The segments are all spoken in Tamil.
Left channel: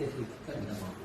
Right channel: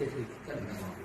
电信在不在网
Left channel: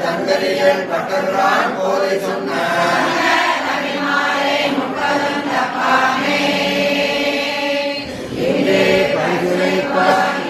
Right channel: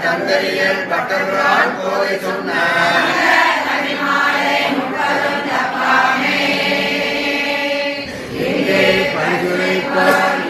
தந்தரியில் பட்டதுதான் போய் சொன்ன பரிந்துரைப்பார்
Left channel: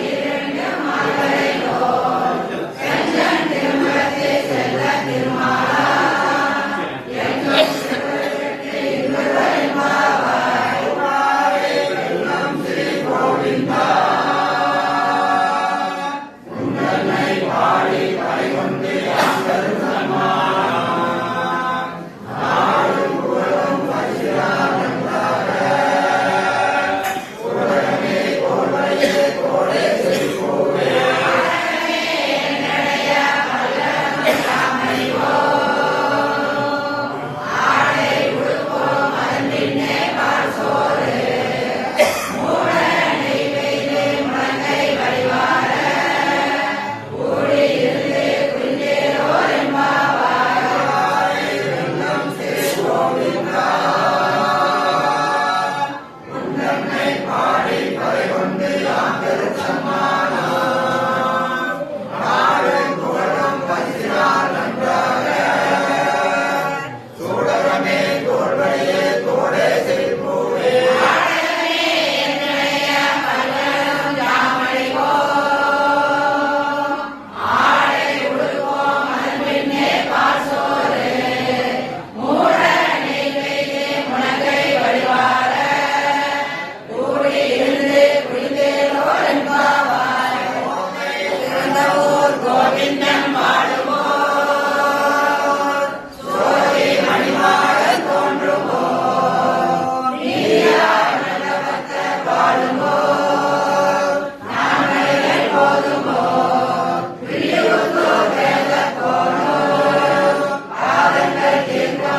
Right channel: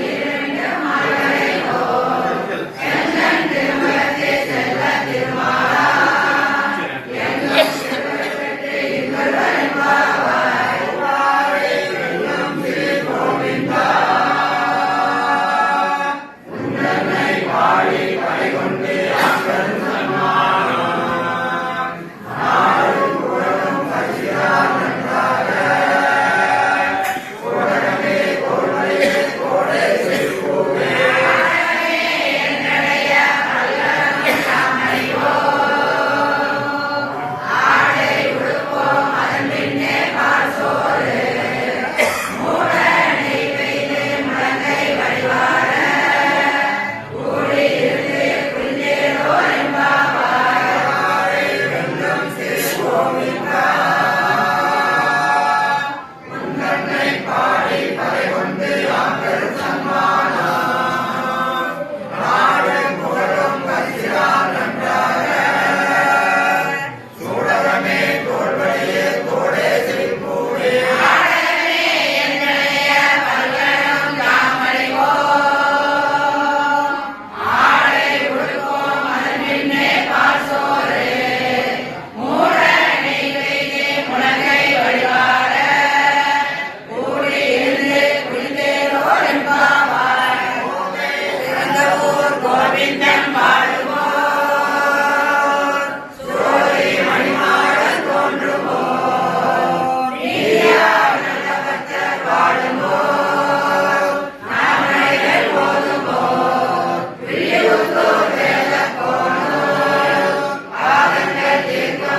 Venga.